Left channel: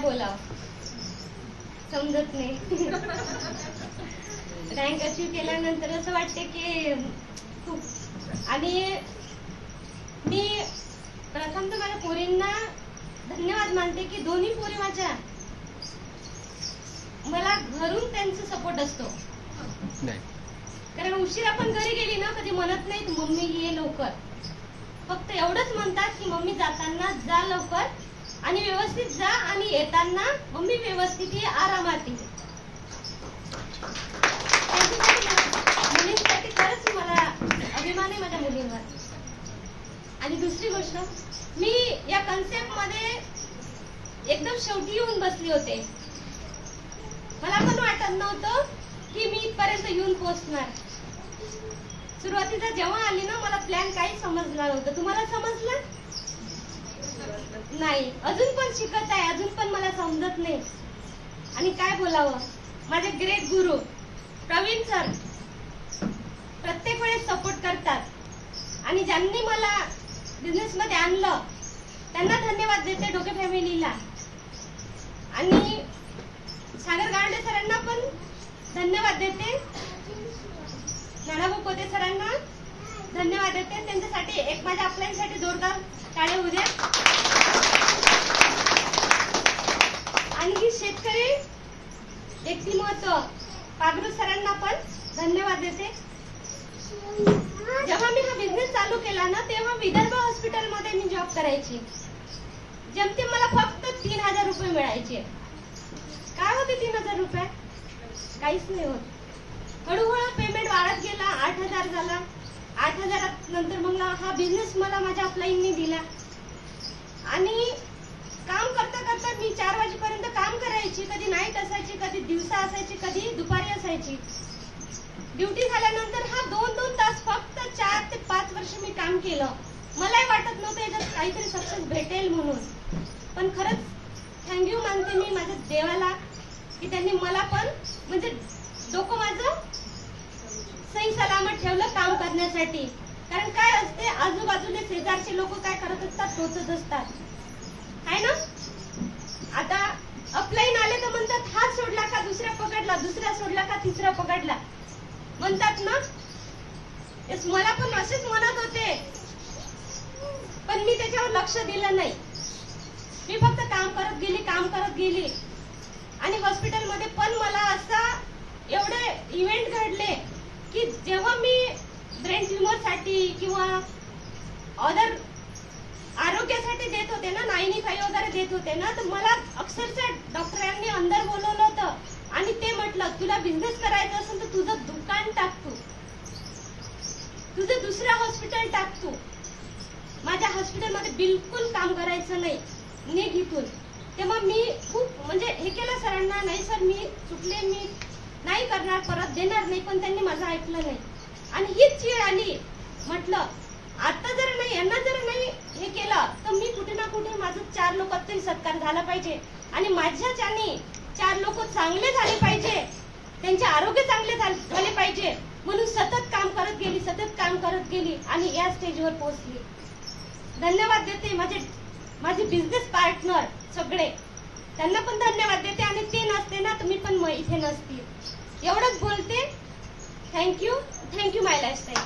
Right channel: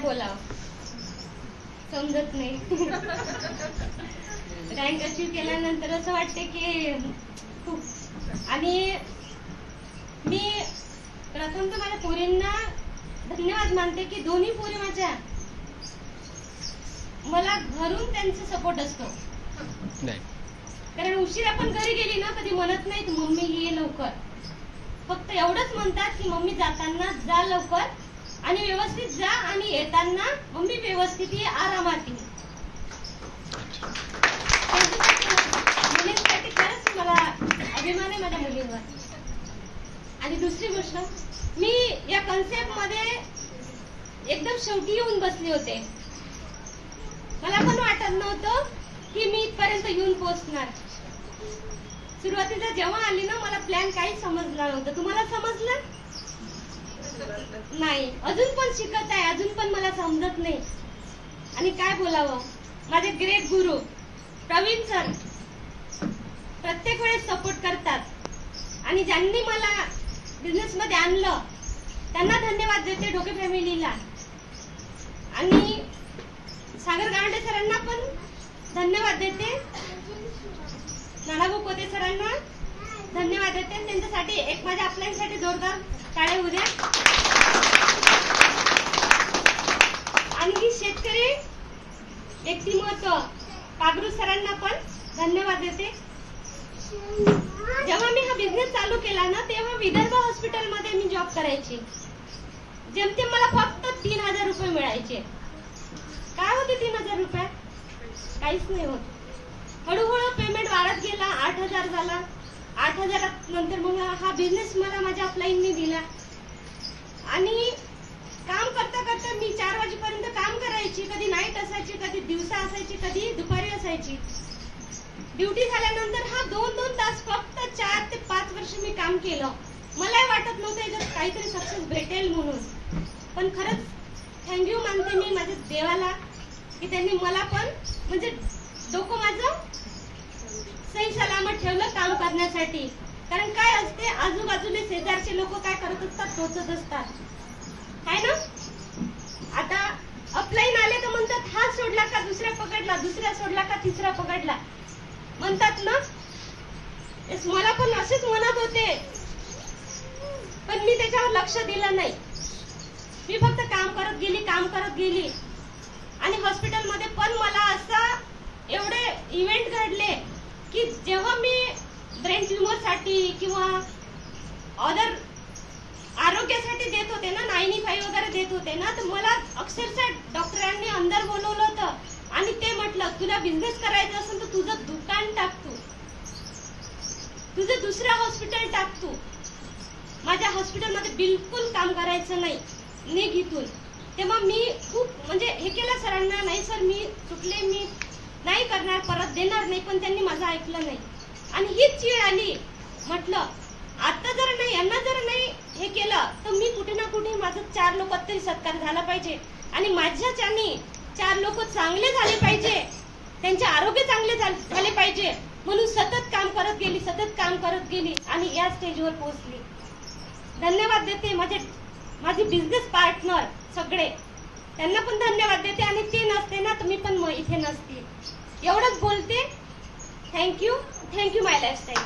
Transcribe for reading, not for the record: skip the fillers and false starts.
बोलावं समजत नाही. रँक अचीव केल्यानंतर असं वाटते की खूप. आणि मी प्रथम तर माझ्या पोरींना धन्यवाद मानते की दोन्ही पोरी माझ्या मला घरून त्यांचा सपोर्ट असतो. कारण उशिरा पण घरी गेली ना कधी म्हणत नाहीत मम्मी ये लवकर, फक्त एवढंच म्हणतात की मम्मी जाताना जा लवकर आणि व्यवस्थित जा आणि येताना मम्मी व्यवस्थित ये आरामात ये. मुलींसाठी खरंच मला अभिमान आहे माझ्या मुलींवर. आणि दुसरी गोष्ट, मी या कन्सेप्ट मध्ये एकदम शेवटी येऊन बसले होते. मला पण वाटत नव्हतं की मी इथपर्यंत येऊन पोहोचणार. सुरुवातीला जेव्हा आली ना मला प्लॅन काही समजला नव्हतं. तुम्हाला समजलं? नाही. अजून पण शिकत आहे, अजून पण मला समजत नाही. आणि काय बोलावं, माझे ग्रेट गुरु प्रवीण सर प्रत्येक वेळेस सपोर्ट करतात आणि ज्यांनी मला बिझनेस मध्ये आणलं त्यांना धन्यवाद देते, डोके फॅमिलीला. आणि सागर गावंडे सरांना पण धन्यवाद देते, नानाभाऊ कोते सरांना धन्यवाद देते. त्यांच्यासाठी एक माझ्या आपल्यासाठी जोरदार टाळ्या होऊ द्या. आणखी शेतकरी व्यक्तिमत्व कागरू सरांना पण धन्यवाद देते. जेव्हा मी हा बिझनेस चालू केला ना तेव्हा विदर्भ हॉस्पिटलमध्ये मी जॉब करायची. जेमतेम मला फक्त 3000 रुपये मिळायचे. काय होते 3000 रुपये? काहीच नाही होत. हळूहळू पेमेंट वाढत गेला, 8000 झाला. 8000 नंतर मग हा बिझनेस मला माझ्या अपलाईननी दिला. आणि काम करता करता मी 4 वाजेपर्यंत काम करायची. कधी नाईट असायची, कधी दिवसा असायची, कधी दुपारी असायची. ड्युटी झाल्यानंतर हा 2-2 तास फक्त 4 ते 5 वर्ष मी काम केलं. मलाही वाटत नव्हतं याच्यात काहीतरी सक्सेस भेटेल म्हणून. पण खरंच थँक्यू मानते मी माझ्या देवाला की त्यांनी मला पण म्हणजे डोकं माझं सही सलामत ठेवलं काम करण्यासाठी. कारण काय असते आजूबाजूने शेजारचे लोक काय करत असतात, टोचत असतात, आहे ना. आता अपलाईन आले तर म्हणतात हा सोडला का दुसरा पकडला, दुसरा सोडला का तिसरा पकडला म्हणतात ना. मला पण असेच म्हणत होते पण मी त्याच्यावर लक्ष दिलं नाही. मी फक्त काम करत गेली. आणि हॉस्पिटलमध्ये पण मला असं एवढे इव्हेंट घडले की जेव्हा मी ब्रेन ट्युमर साठी किंवा अदर आरोग्यासाठी देत होते ना, 95 वगैरे देत होते ना, तर मला अक्षरशः डॉक्टरांनी अंदर बोलवलं होतं आणि ते म्हटलं तुला बिझनेस करायचं असेल तर तुझं दुकान टाक, तुझं दुसरं हॉस्पिटल टाक. तू माझ्या हॉस्पिटलमध्ये बिलकुल काम करायचं नाही, निघ इथून. तेव्हा मी खूप म्हणजे हे केलं सरांना, नाही सर मी चुकले, मी नाही करणार, परत देणार नाही. पण त्यांनी माझं ऐकलं नाही. आणि हीच चीड आली. म्हटलं आता जर नाही यांना जर नाही हे केलं तर मी कुठे ना कुठे माझं 4 लोकात तरी सत्कार झाला पाहिजे. आणि माझ्याच्यानी 4 लोक चांगले झाले पाहिजे, त्यांचे आरोग्य चांगले झाले पाहिजे. म्हणून सतत काम करत गेली आणि या स्टेजवर पोहोचली. धन्यवाद देते माझे बिझनेस पार्टनर सगळे, त्यांना पण धन्यवाद देते. आणि ते नसते ना तर मी पण इथे नसते. एवढंच बोलते. थँक्यू माय लाईफस्टाईल.